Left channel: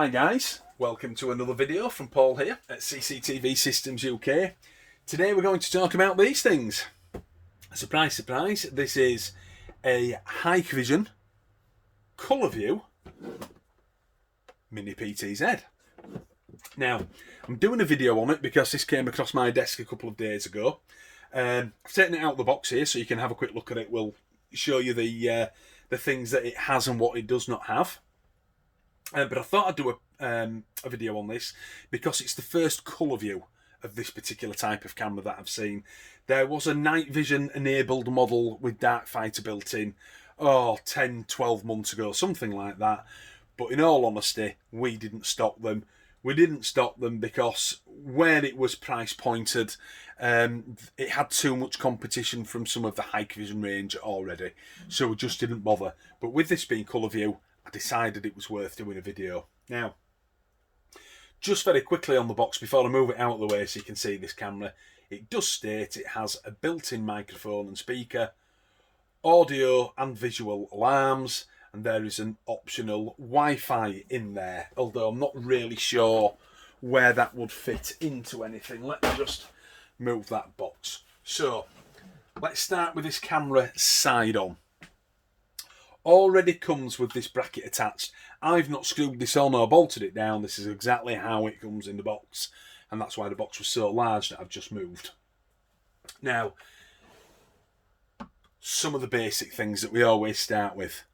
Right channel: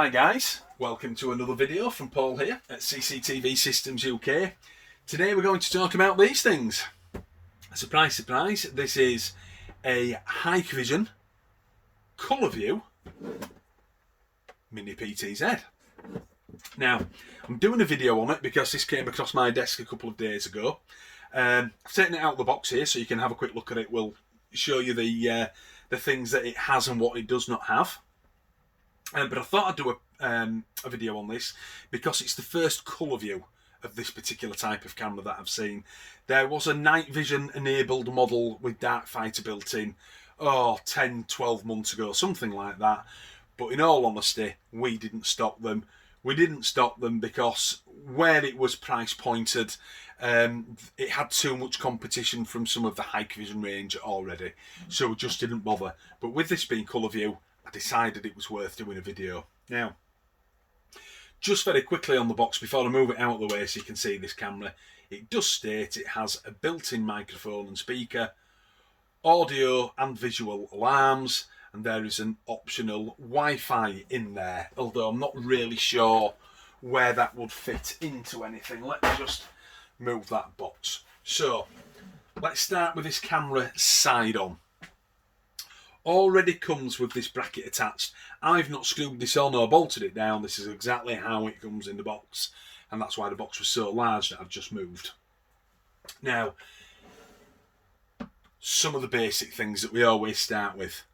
Hi guys, welcome to another video from Paul here at CCTV Systems UK. Today we're going to talk about these things. Surprise, surprise, this is a Hikvision ColorVU Mini PTZ. Now, I'm doing a video on it because this came across my desk a couple of days ago. I've taken it out of the box here so you can have a quick look at it. We'll show you the things that it has and what it does not have. But I thought I'd do a video on this because it's the first ColorVU of this particular type of camera that I've seen. There was a night vision enabled model with dark fighter built in 10-12 months ago, something like that, but in all honesty we didn't stock them. We didn't stock them because where it was price pointed, it had too much competition from some of the Hikvision range already, so we just didn't bother. But with this being ColorVU, I decided it was worth doing a video. Now, just very quickly on the box before I move it out of the way so you can see this camera, it does state it has a built-in microphone and speaker, audio and visual alarms, and there is an optional Wi-Fi in there, although I'm not really sure where that would fit into anything. Let me just move that box. So, let's start with this camera side on. Already comes with this bracket attached. I've not screwed this on or bolted it down. This is exactly how it comes in the box, and that's why the box was so large that I've just moved. Now, some of the basic things that we always start with.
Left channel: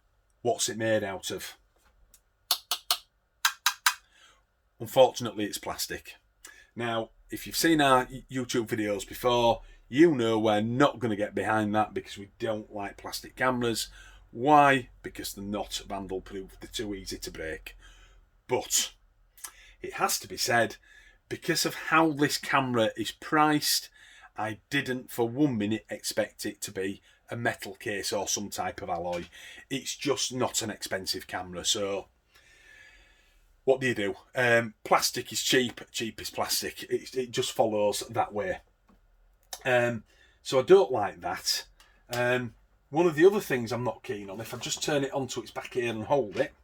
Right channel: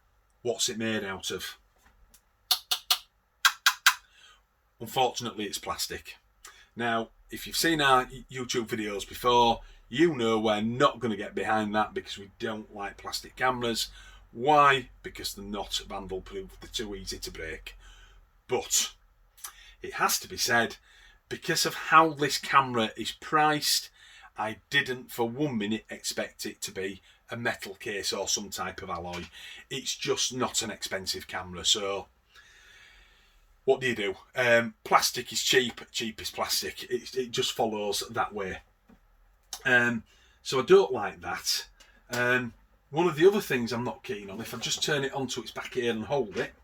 What's it made out of? Unfortunately, it's plastic. Now, if you've seen our YouTube videos before, you know we're not going to get behind that because we don't like plastic cameras. Why? Because they're not vandal proof, they're too easy to break. But it has to be said, because of how this camera is priced, I didn't for 1 minute expect it to be a metal case or some type of alloy. It's just not an expensive camera, so what do? Plastic is cheap, cheap is plastic. It just follows that way. So I don't like that. One of the other things I'm not keen on, if I just turn it onto its back here and hold it,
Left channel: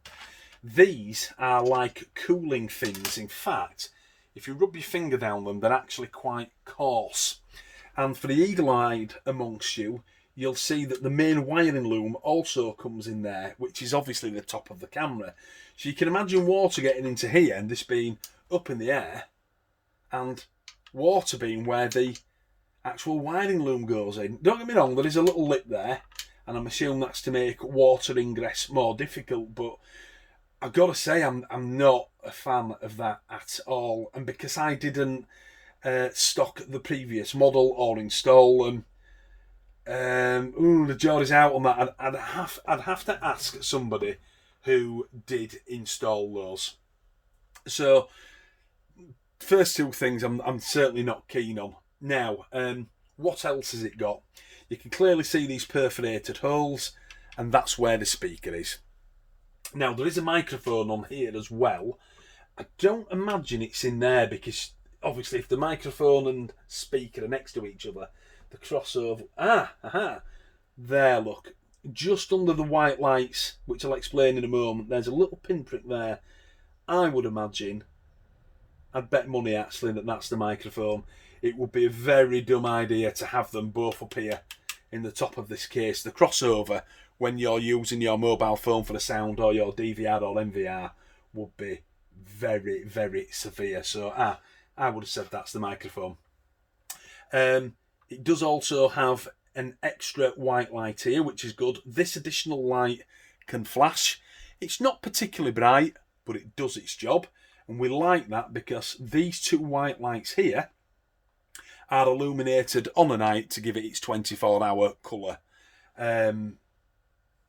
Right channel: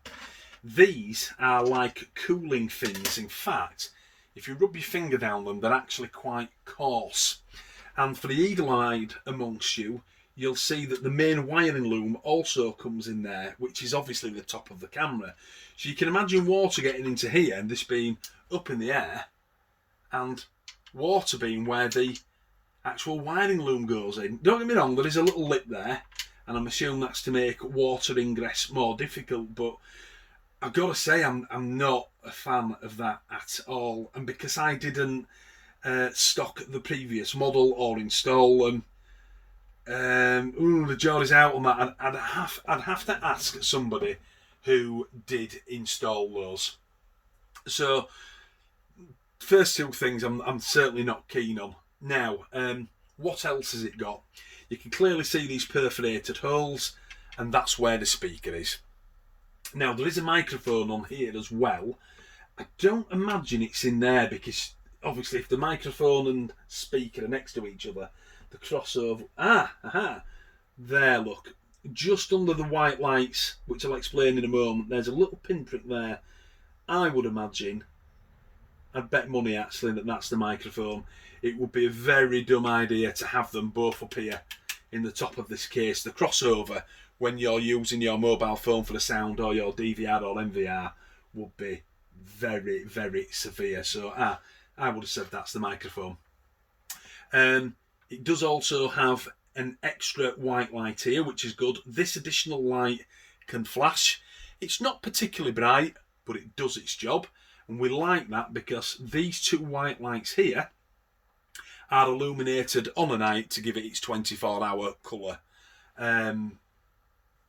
these are like cooling fins. In fact, if you rub your finger down them, they're actually quite coarse. And for the eagle-eyed amongst you, you'll see that the main wiring loom also comes in there, which is obviously the top of the camera. So you can imagine water getting into here and this being up in the air, and water being where the actual wiring loom goes in. Don't get me wrong, there is a little lip there, and I'm assuming that's to make water ingress more difficult, but I've got to say I'm not a fan of that at all. And because I didn't stock the previous model or install them, the jury's out on that. I'd have to ask somebody who did install those. So first two things I'm certainly not keen on. Now, what else has it got? You can clearly see these perforated holes, and that's where the speaker is. Now, there is a microphone on here as well. I don't imagine it's in there because obviously if the microphone and speaker are next to each other, the crossover... There, look. Just under the white lights, which I'll explain in a moment, there's a little pinprick there. I would imagine, I'd bet money actually that that's the microphone. It would be a very dumb idea to have them both up here in the top of this case. The crossover when you're using your mobile phone for the sound or your DVR or MVR would be very, very severe. So I would have said that's the microphone. It does also have an extra white light here, which is good. This additional light can flash. It's not particularly bright, but it does its job. And we like that because these two white lights here are illuminated on a night to give it its 24-hour colour.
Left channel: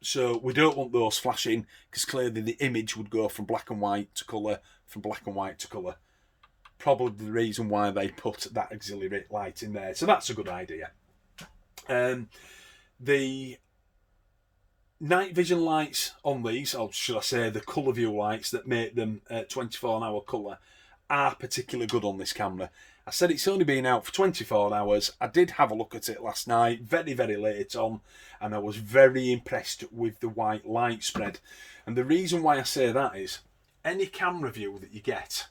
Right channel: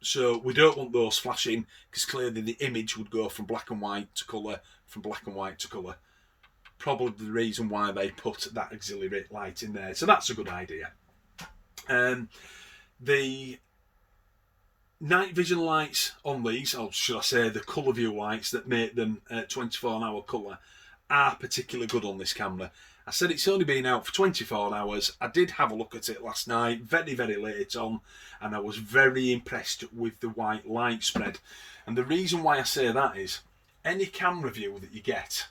So we don't want those flashing because clearly the image would go from black and white to colour, from black and white to colour. Probably the reason why they put that auxiliary light in there. So that's a good idea. The night vision lights on these, or should I say the ColorVU lights that make them 24-hour colour, are particularly good on this camera. I said it's only been out for 24 hours. I did have a look at it last night, very, very late on, and I was very impressed with the white light spread. And the reason why I say that is, any camera view that you get,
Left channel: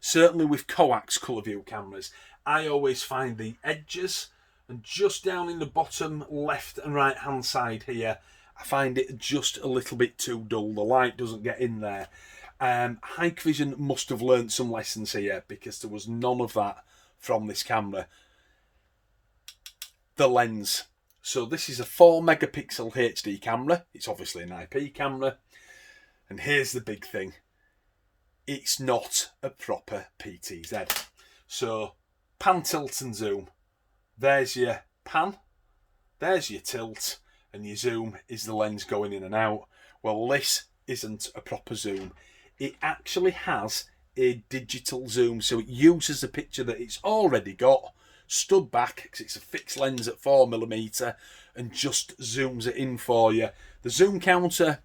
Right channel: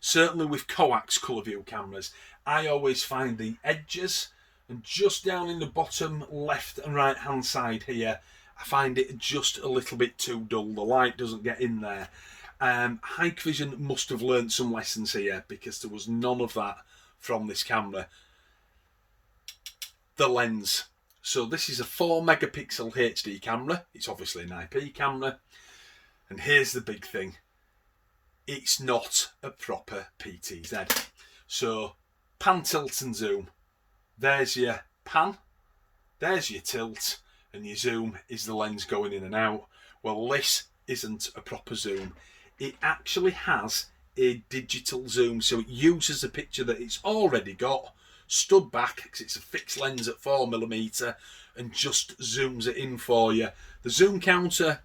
certainly with coax ColorVU cameras, I always find the edges and just down in the bottom left and right hand side here, I find it just a little bit too dull. The light doesn't get in there. Hikvision must have learned some lessons here, because there was none of that from this camera. The lens. So this is a 4 megapixel HD camera. It's obviously an IP camera. And here's the big thing. It's not a proper PTZ. So pan, tilt and zoom. There's your pan. There's your tilt. And your zoom is the lens going in and out. Well, this isn't a proper zoom. It actually has a digital zoom. So it uses the picture that it's already got, stood back, because it's a fixed lens at 4mm, and just zooms it in for you. The zoom counter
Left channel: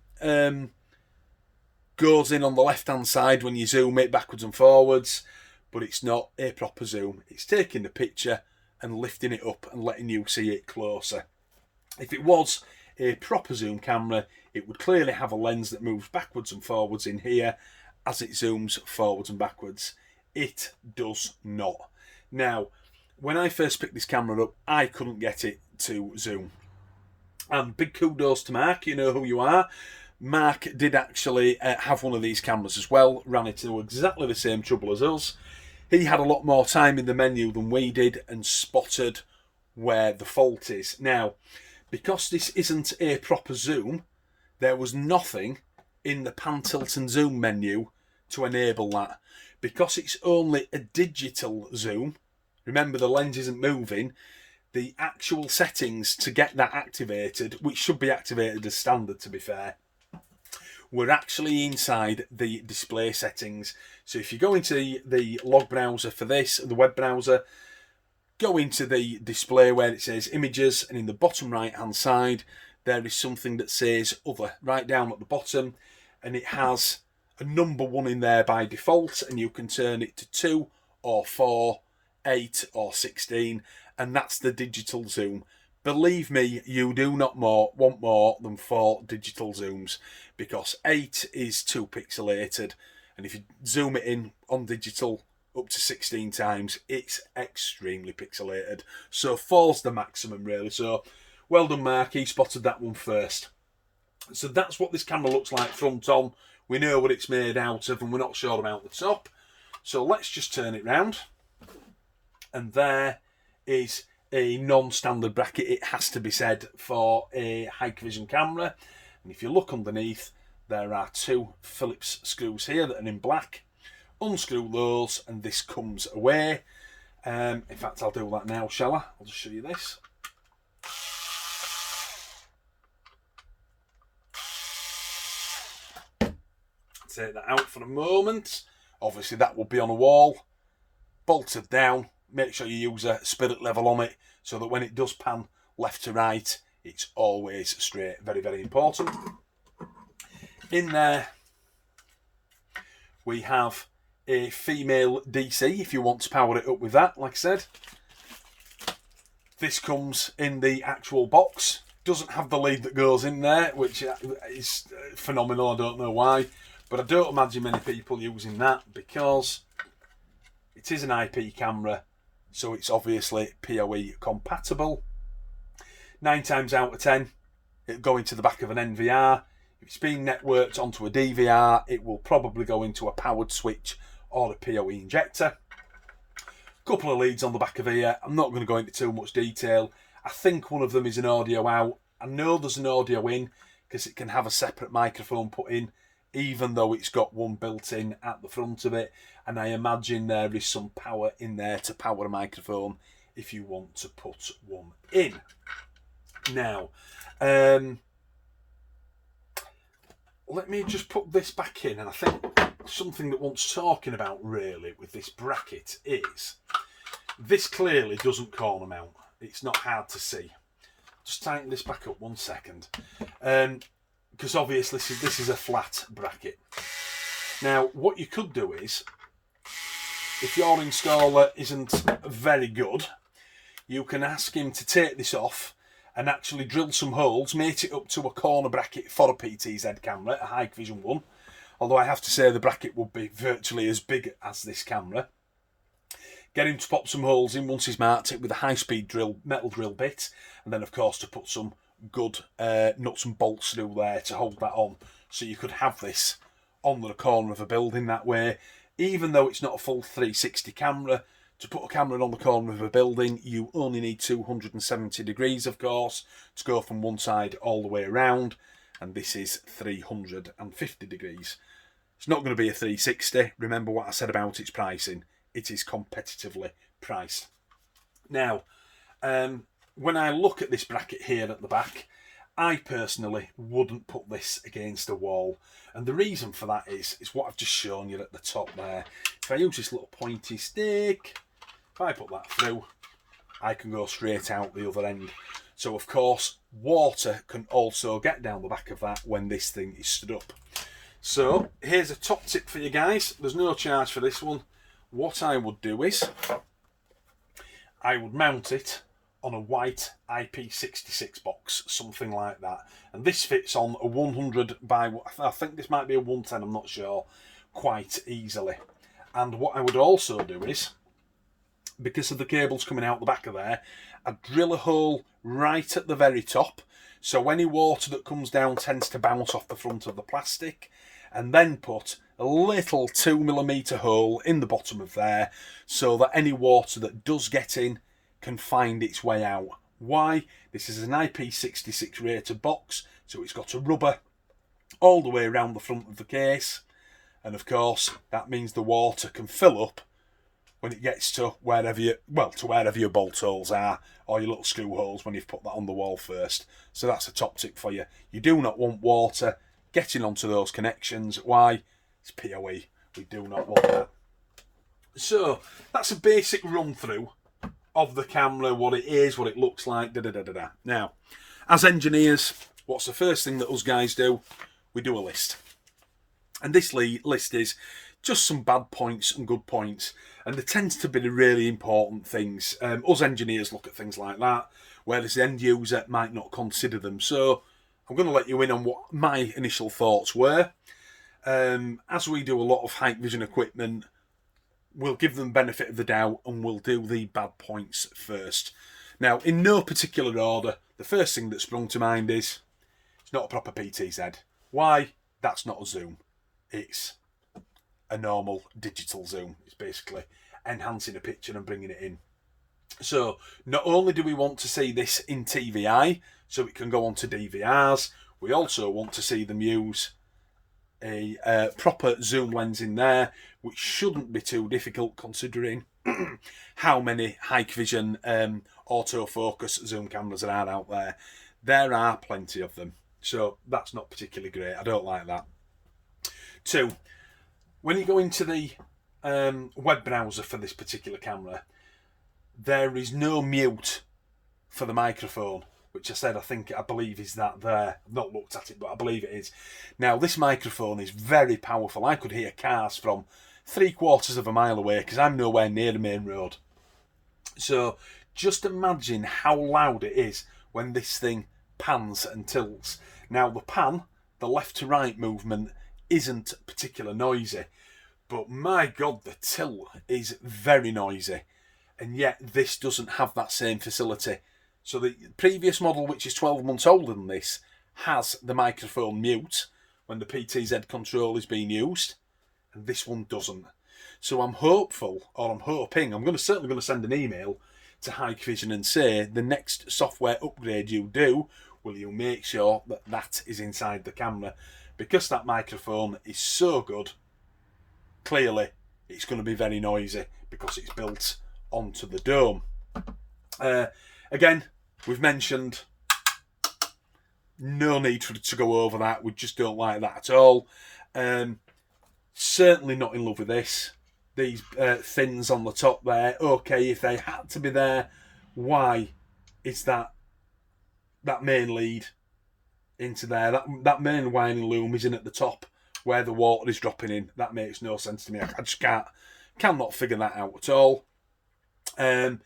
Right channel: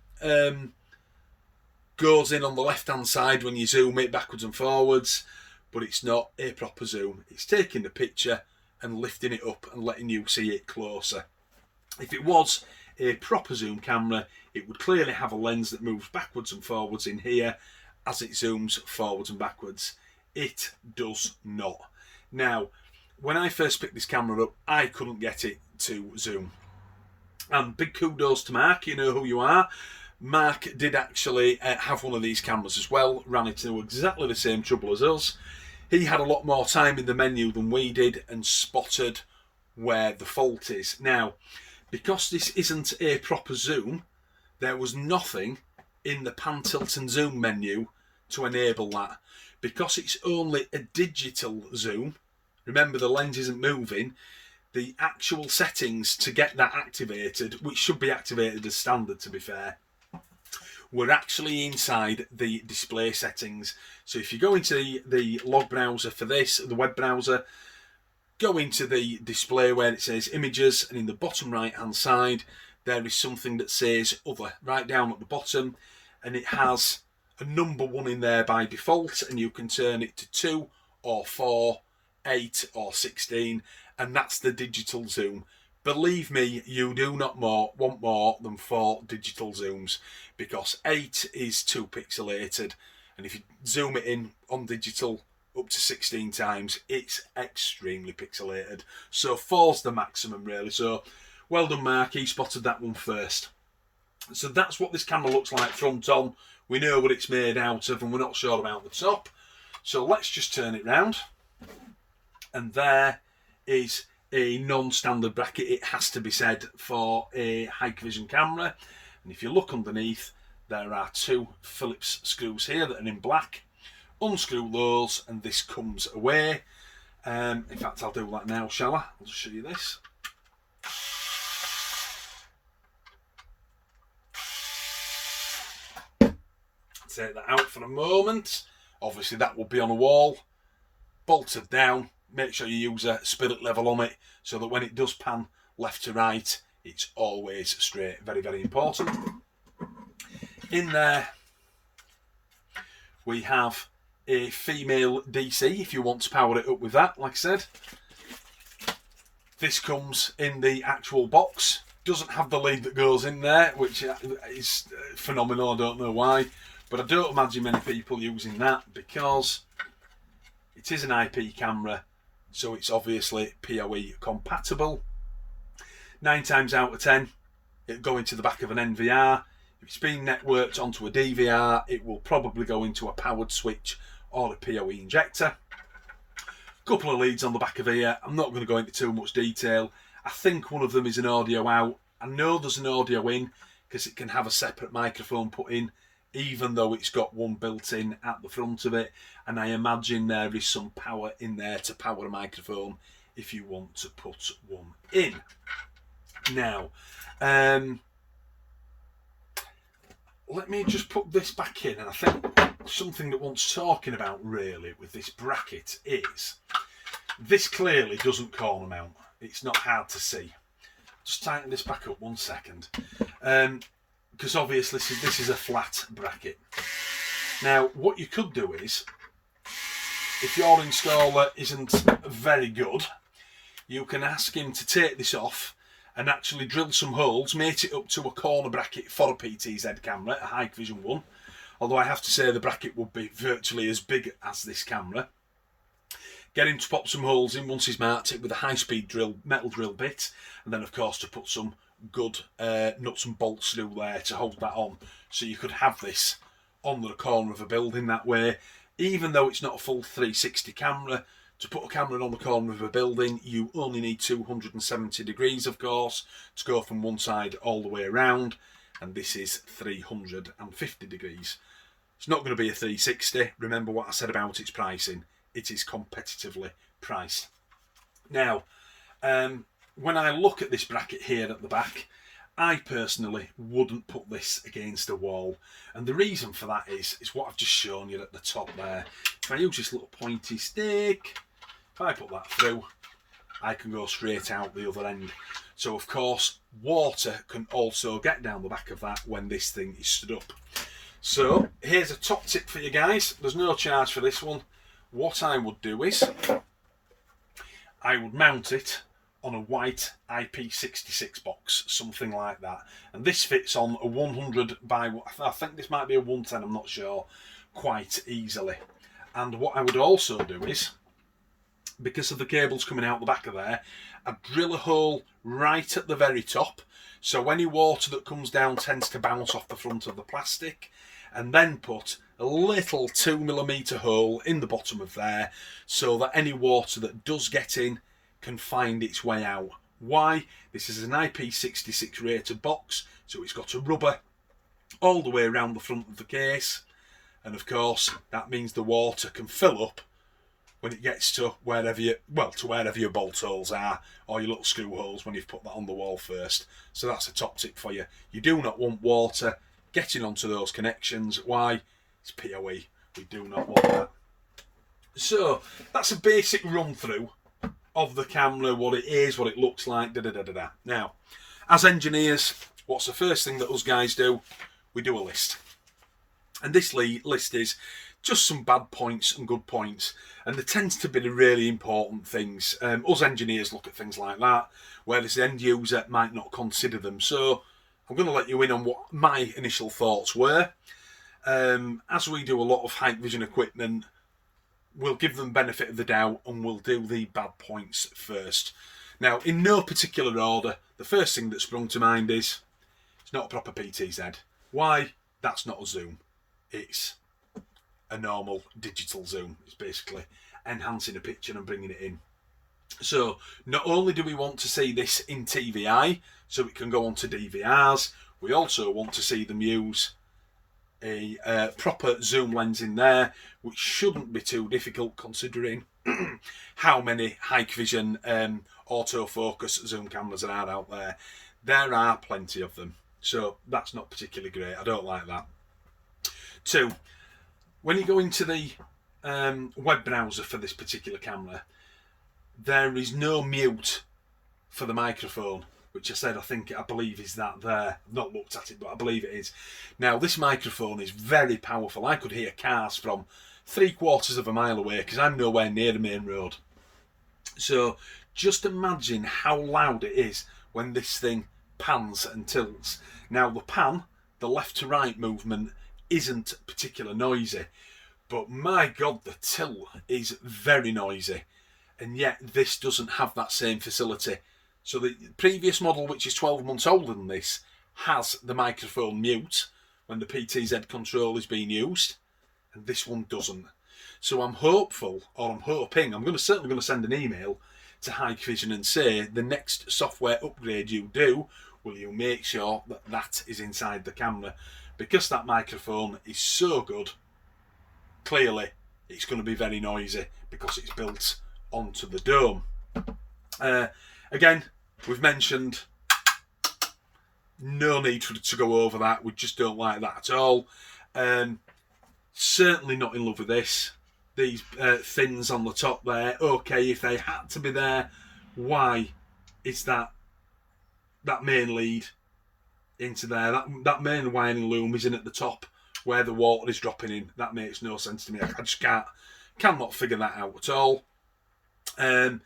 goes in on the left hand side when you zoom it backwards and forwards, but it's not a proper zoom. It's taking the picture and lifting it up and letting you see it closer. If it was a proper zoom camera, it would clearly have a lens that moves backwards and forwards in here as it zooms forwards and backwards. It does not. Now, when I first picked this camera up, I couldn't get it to zoom. And big kudos to Mark, you know who you are. Mark did actually have one of these cameras as well, ran into exactly the same trouble as us. He had a lot more time in the menu than we did and spotted where the fault is. Now, because this isn't a proper zoom, there was nothing in the pan, tilt and zoom menu to enable that. Because it's only a digital zoom, remember the lens isn't moving, the actual settings to get that activated, which should be activated as standard to be fair, were actually inside the display settings. So if you go into the log browser for this, the web browser, go into the display where it says images, and in the bottom right hand side there is something that says other right down at the bottom, and it has a number 1 in there by default, and you can turn it to 2 or 4, 8 or 16, and that's the digital zoom. Believe me, you do not want more than 4 digital zooms, because 8 is too pixelated, and if you zoom it in on digital up to 16 times, it's extremely pixelated. So 4's the maximum really. So well done Mark, he spotted that one first. So that's what this camera looks like front on. We know what it's made out of, and we're not sure about the top. So let's just turn it round. And there is a non-standard bracket, it has to be said, for a Hikvision camera. And if you look underneath, there are 2 Phillips screws here that are in black. Unscrew those and this comes away. In fact, I'll do that now, shall I? I'll just show you this. Take that out for a moment. Obviously that will be on a wall, bolted down. Make sure you use a spirit level on it so that when it does pan left to right, it's always straight. Very, very important. In there we have a female DC if you want to power it up with that, like I said. This comes in the actual box. Doesn't have the lead that goes in there, which is phenomenal. I don't know why, but I don't imagine many people using that because it is an IP camera, so it's obviously PoE compatible. 9 times out of 10, it'll go into the back of an NVR. If it's been networked onto a DVR, it will probably go into a powered switch or a PoE injector. Couple of leads on the back of here. I'm not going to go into too much detail. I think one of them is an audio out. I know there's an audio in because it can have a separate microphone put in, even though it's got one built in at the front of it. And I imagine there is some power in there to power a microphone if you want to put one in. Now, let me just put this back in, and I think something that wants talking about really with this bracket is this clearly doesn't corner mount. It's not hard to see. Just tighten this back up 1 second, because obviously this is a flat bracket. Now what you could do is, if your installer isn't very good, you can ask him to take this off and actually drill some holes, mate it up to a corner bracket for a PTZ camera, a Hikvision one, although I have to say the bracket would be virtually as big as this camera. Get him to pop some holes in once he's marked it with a high-speed drill, metal drill bit, and then of course to put some good nuts and bolts through there to hold that on, so you could have this on the corner of a building that way. Even though it's not a full 360 camera, to put a camera on the corner of a building, you only need 270 degrees, of course, to go from one side all the way around, and this is 350 degrees. It's not going to be a 360. Remember what I said about its pricing. It is competitively priced. Now, when I look at this bracket here at the back, I personally wouldn't put this against a wall. And the reason for that is what I've just shown you at the top there. If I use this little pointy stick, if I put that through, I can go straight out the other end. So of course, water can also get down the back of that when this thing is stood up. So here's a top tip for you guys. There's no charge for this one. What I would do is, I would mount it on a white IP66 box, something like that. And this fits on a 100 by, I think this might be a 110, I'm not sure, quite easily. And what I would also do is, because of the cables coming out the back of there, I'd drill a hole right at the very top, so any water that comes down tends to bounce off the front of the plastic, and then put a little 2mm hole in the bottom of there, so that any water that does get in can find its way out. Why? This is an IP66 rated box, so it's got a rubber all the way around the front of the case, and of course that means the water can fill up when it gets to wherever your bolt holes are, or your little screw holes when you've put that on the wall first. So that's a top tip for you. You do not want water getting onto those connections. Why? It's POE. We do not want that. So that's a basic run through of the camera, what it is, what it looks like, Now, as engineers, what's the first thing that us guys do? We do a list. And this list is just some bad points and good points. And there tends to be the really important things. Us engineers look at things like that, whereas the end user might not consider them. So I'm going to let you in on what my initial thoughts were. As we do a lot of Hikvision equipment, we'll give them benefit of the doubt and we'll do the bad points first. Now, in no particular order, the first thing that sprung to mind is it's not a proper PTZ. Why? That's not a zoom. It's a normal digital zoom. It's basically enhancing a picture and bringing it in. So not only do we want to see this in TVI, so it can go on to DVRs, we also want to see them use a proper zoom lens in there, which shouldn't be too difficult considering how many Hikvision autofocus zoom cameras there are out there. There are plenty of them, so that's not particularly great. I don't like that. 2, when you go into the web browser for this particular camera, there is no mute for the microphone, which I believe is that there. I've not looked at it, but I believe it is. Now, this microphone is very powerful. I could hear cars from 3/4 of a mile away because I'm nowhere near the main road. So just imagine how loud it is when this thing pans and tilts. Now, the pan, the left to right movement, isn't particularly noisy, but my God, the tilt is very noisy. And yet this doesn't have that same facility. So the previous model, which is 12 months older than this, has the microphone mute when the PTZ control is being used, and this one doesn't. So I'm hoping, I'm certainly going to send an email to Hikvision and say, the next software upgrade you do, will you make sure that that is inside the camera? Because that microphone is so good, clearly it's going to be very noisy because it's built onto the dome. Again, we've mentioned no need to go over that. We just don't like that at all. Certainly not in love with this. These fins on the top there, okay, if they had to be there, why is that main lead into there? That main wiring loom is in at the top where the water is dropping in. That makes no sense to me. I just cannot figure that out at all. And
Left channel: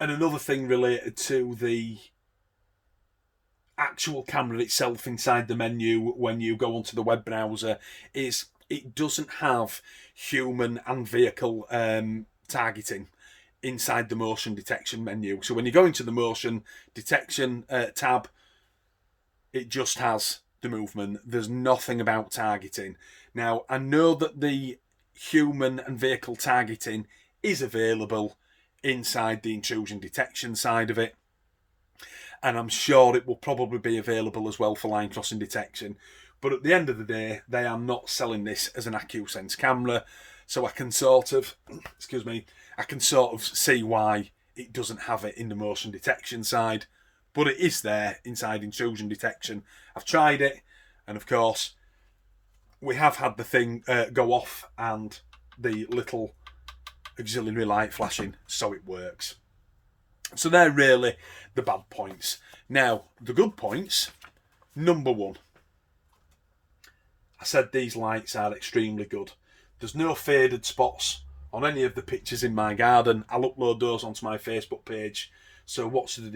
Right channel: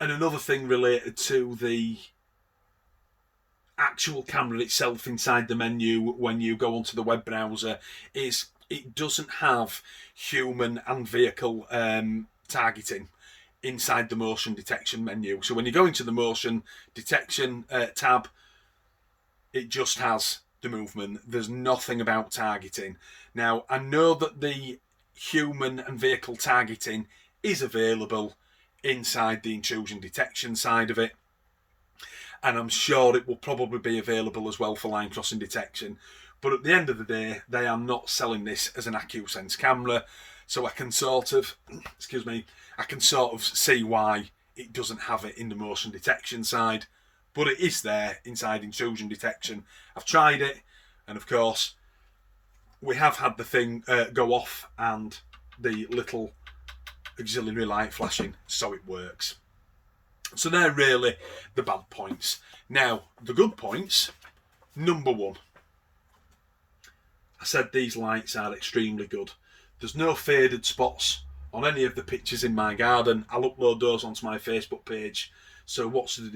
another thing related to the actual camera itself inside the menu when you go onto the web browser is it doesn't have human and vehicle targeting inside the motion detection menu. So when you go into the motion detection tab, it just has the movement. There's nothing about targeting. Now, I know that the human and vehicle targeting is available inside the intrusion detection side of it, and I'm sure it will probably be available as well for line crossing detection. But at the end of the day, they are not selling this as an AccuSense camera, so I can sort of, I can sort of see why it doesn't have it in the motion detection side, but it is there inside intrusion detection. I've tried it, and of course, we have had the thing go off and the little auxiliary light flashing, so it works. So they're really the bad points. Now, the good points, number one. I said these lights are extremely good. There's no faded spots on any of the pictures in my garden. I'll upload those onto my Facebook page. So watch the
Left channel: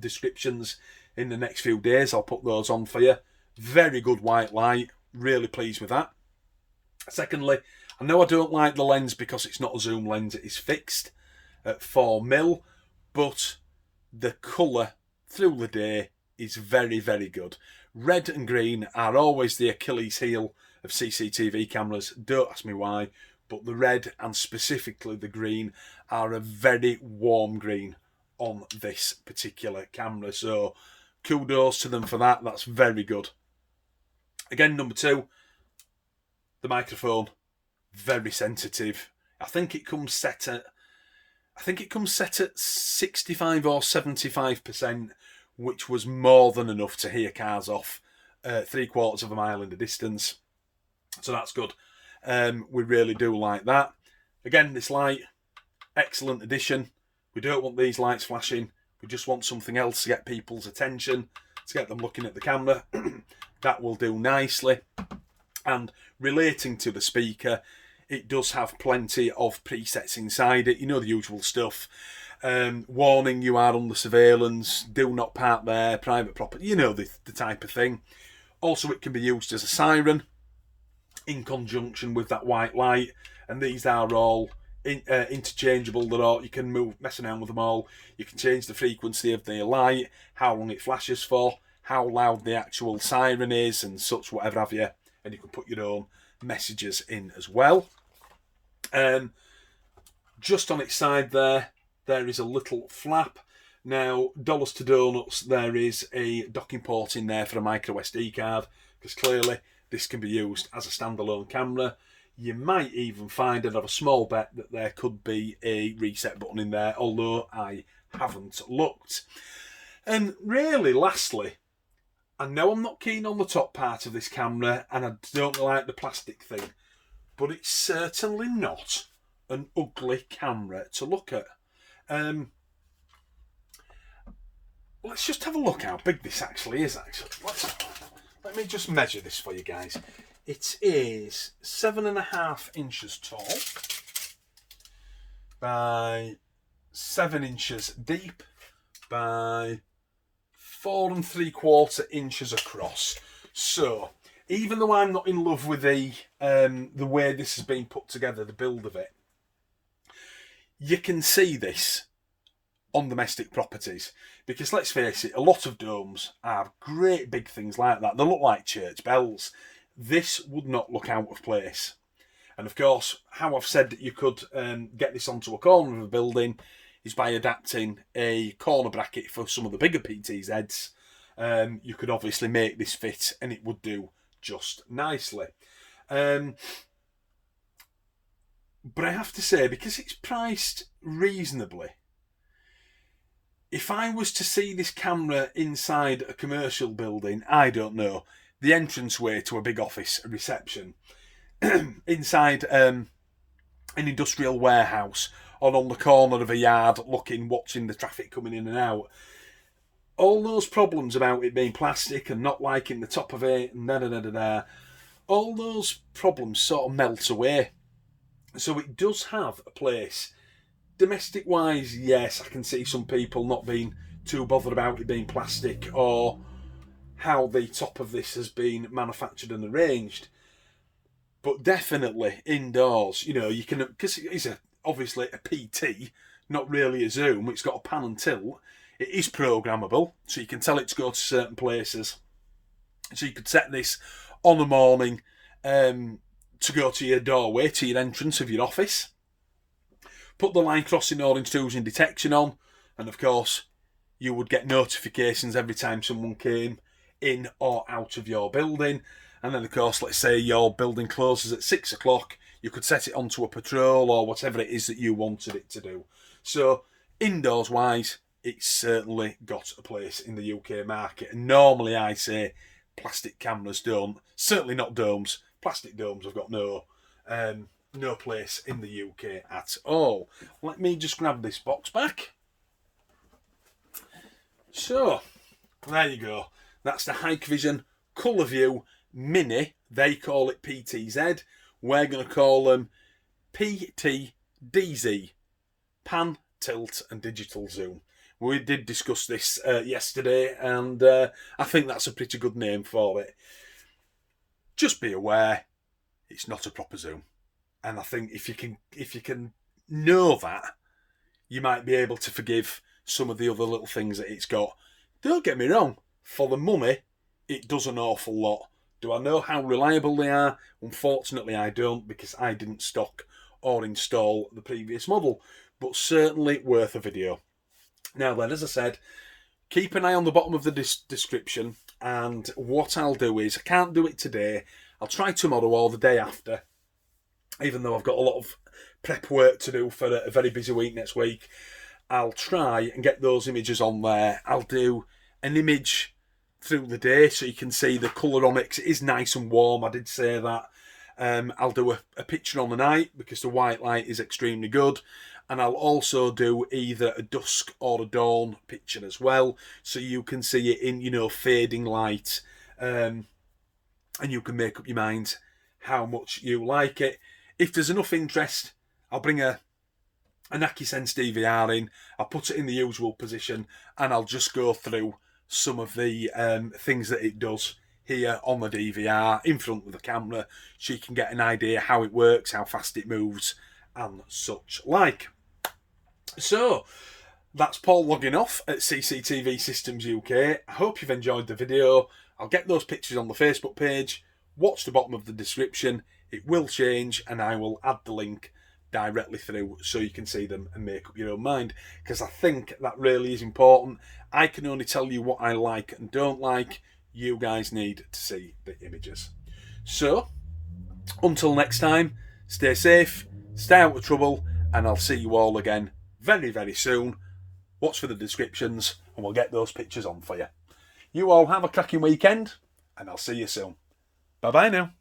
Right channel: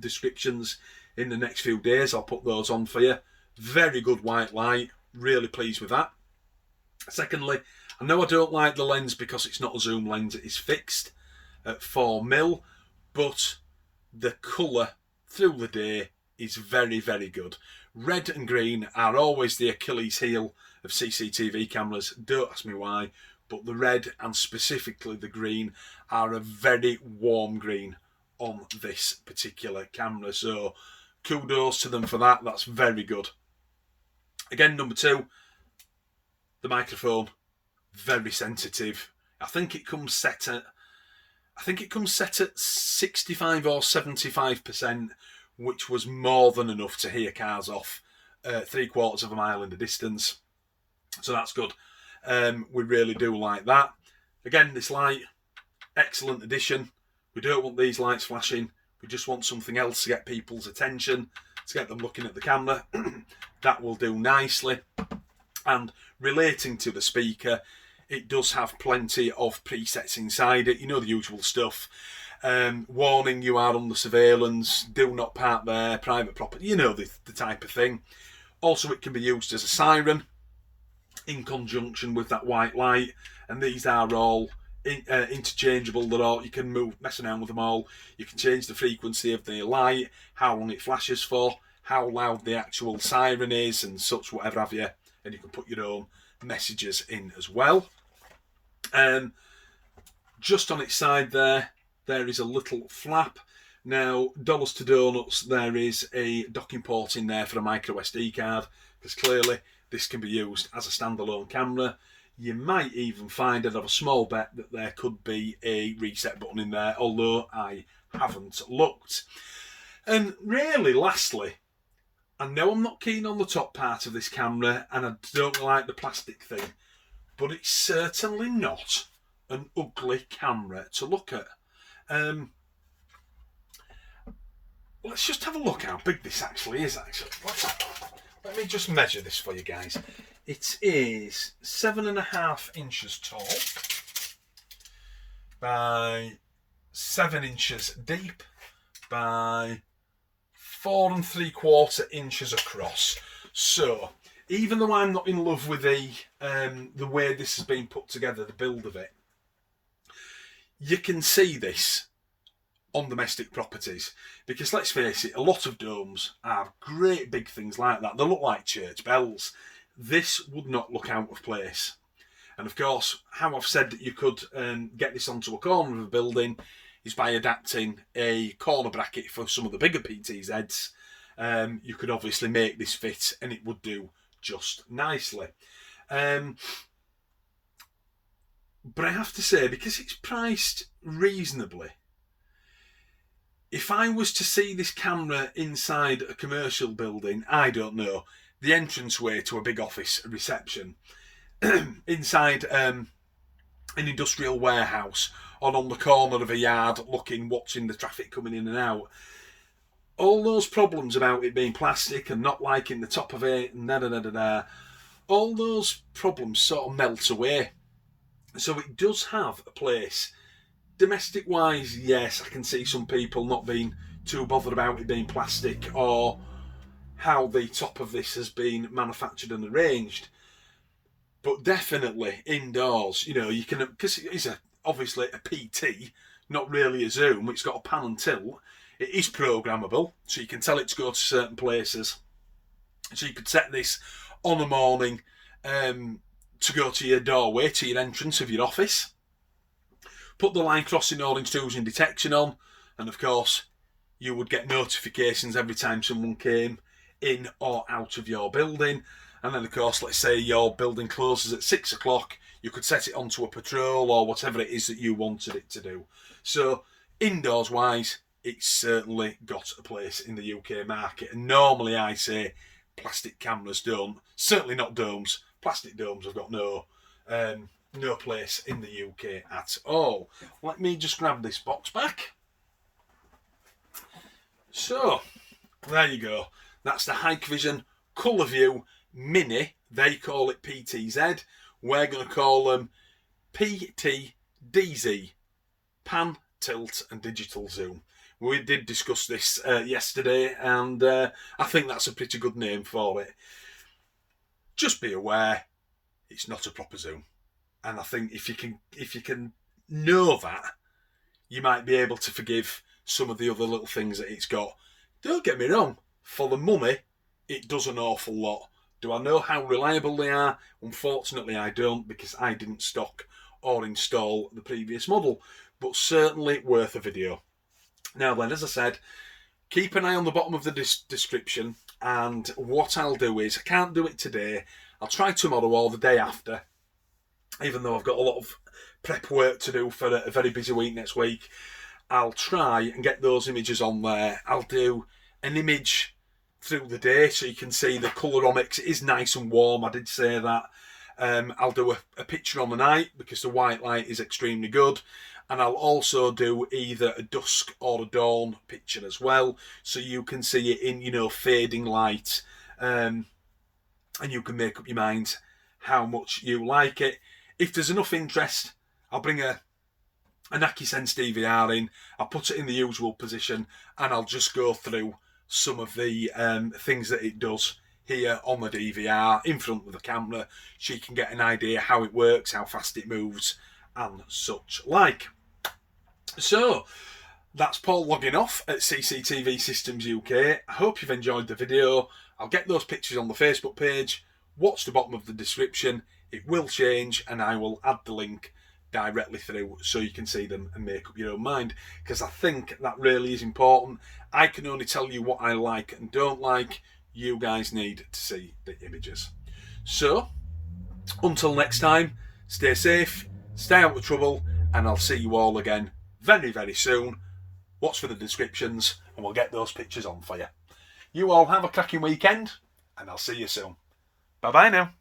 descriptions in the next few days. I'll put those on for you. Very good white light. Really pleased with that. Secondly, I know I don't like the lens because it's not a zoom lens. It is fixed at 4mm, but the colour through the day is very, very good. Red and green are always the Achilles heel of CCTV cameras. Don't ask me why, but the red and specifically the green are a very warm green on this particular camera. So kudos to them for that. That's very good. Again, number two, the microphone, very sensitive. I think it comes set at 65 or 75%, which was more than enough to hear cars off 3/4 of a mile in the distance. So that's good. We really do like that. Again, this light, excellent addition. We don't want these lights flashing. We just want something else to get people's attention, to get them looking at the camera. That will do nicely. And relating to the speaker, it does have plenty of presets inside it. You know, the usual stuff. Warning, you are under surveillance, do not park there, private property, you know, the type of thing. Also, it can be used as a siren in conjunction with that white light, and these are all interchangeable. You can mess around with them all. You can change the frequency of the light, how long it flashes for, how loud the actual siren is, and such, whatever have you, and you can put your own messages in as well. Just on its side there is a little flap. Now, dollars to donuts, there is a docking port in there for a micro SD card, because clearly this can be used as a standalone camera. You might even find, I'd have a small bet that there could be a reset button in there, although I haven't looked. And really, lastly, I know I'm not keen on the top part of this camera, and I don't like the plastic thing, but it's certainly not an ugly camera to look at. Let's just have a look how big this actually is. Let me just measure this for you guys. It is 7.5 inches tall by 7 inches deep by 4 3/4 inches across. So even though I'm not in love with the way this has been put together, the build of it, you can see this on domestic properties, because let's face it, a lot of domes are great big things like that. They look like church bells. This would not look out of place. And of course, how I've said that you could get this onto a corner of a building is by adapting a corner bracket for some of the bigger PTZs. You could obviously make this fit and it would do just nicely. But I have to say, because it's priced reasonably, if I was to see this camera inside a commercial building, I don't know, the entranceway to a big office, a reception, inside an industrial warehouse, or on the corner of a yard watching the traffic coming in and out, all those problems about it being plastic and not liking the top of it, and all those problems sort of melt away. So it does have a place. Domestic wise, yes, I can see some people not being too bothered about it being plastic or how the top of this has been manufactured and arranged. But definitely indoors, you know, you can, because it's obviously a PT, not really a zoom. It's got a pan and tilt. It is programmable, so you can tell it to go to certain places. So you could set this on the morning to go to your doorway, to your entrance of your office. Put the line crossing or intrusion detection on, and of course, you would get notifications every time someone came in or out of your building. And then, of course, let's say your building closes at 6 o'clock, you could set it onto a patrol or whatever it is that you wanted it to do. So, indoors wise, it's certainly got a place in the UK market. And normally I say plastic cameras don't, certainly not domes. Plastic domes have got no place in the UK at all. Let me just grab this box back. So, there you go. That's the Hikvision ColorVU Mini. They call it PTZ. We're going to call them PTZ. Pan, Tilt and Digital Zoom. We did discuss this yesterday, and I think that's a pretty good name for it. Just be aware, it's not a proper zoom. And I think if you can know that, you might be able to forgive some of the other little things that it's got. Don't get me wrong, for the money, it does an awful lot. Do I know how reliable they are? Unfortunately, I don't, because I didn't stock or install the previous model, but certainly worth a video. Now then, as I said, keep an eye on the bottom of the description, and what I'll do is, I can't do it today, I'll try tomorrow or the day after, even though I've got a lot of prep work to do for a very busy week next week. I'll try and get those images on there. I'll do an image through the day so you can see the colour on it, 'cause it is nice and warm, I did say that. I'll do a picture on the night because the white light is extremely good. And I'll also do either a dusk or a dawn picture as well, so you can see it in, you know, fading light. And you can make up your mind how much you like it. If there's enough interest, I'll bring an AccuSense DVR in, I'll put it in the usual position, and I'll just go through some of the things that it does here on the DVR in front of the camera, so you can get an idea how it works, how fast it moves, and such like. So, that's Paul logging off at CCTV Systems UK. I hope you've enjoyed the video. I'll get those pictures on the Facebook page. Watch the bottom of the description. It will change, and I will add the link directly through so you can see them and make up your own mind, because I think that really is important. I can only tell you what I like and don't like. You guys need to see the images. So, until next time, stay safe, stay out of trouble, and I'll see you all again very, very soon. Watch for the descriptions, and we'll get those pictures on for you. You all have a cracking weekend, and I'll see you soon. Bye-bye now.